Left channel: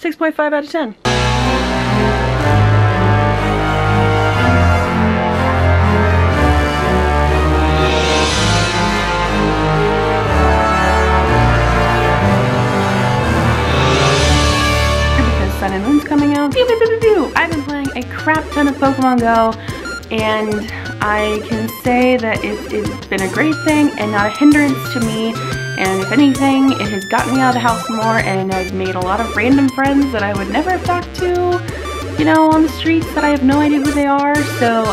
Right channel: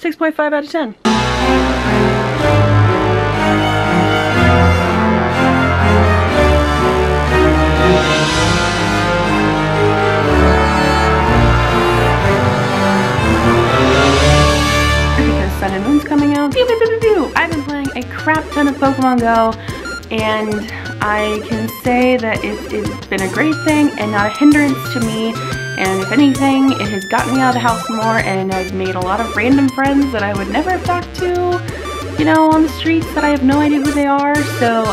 6.5 out of 10. Because Sun and Moon's coming out. Pew, pew, pew, pew, pew. I've been playing a crap ton of Pokemon Go, and I can say that it's been a great thing and not a hindrance to me. And if anything, it has gotten me out of the house more, and I've made a lot of random friends that I would never have talked to, you know, on the streets that I have no idea who they are. So,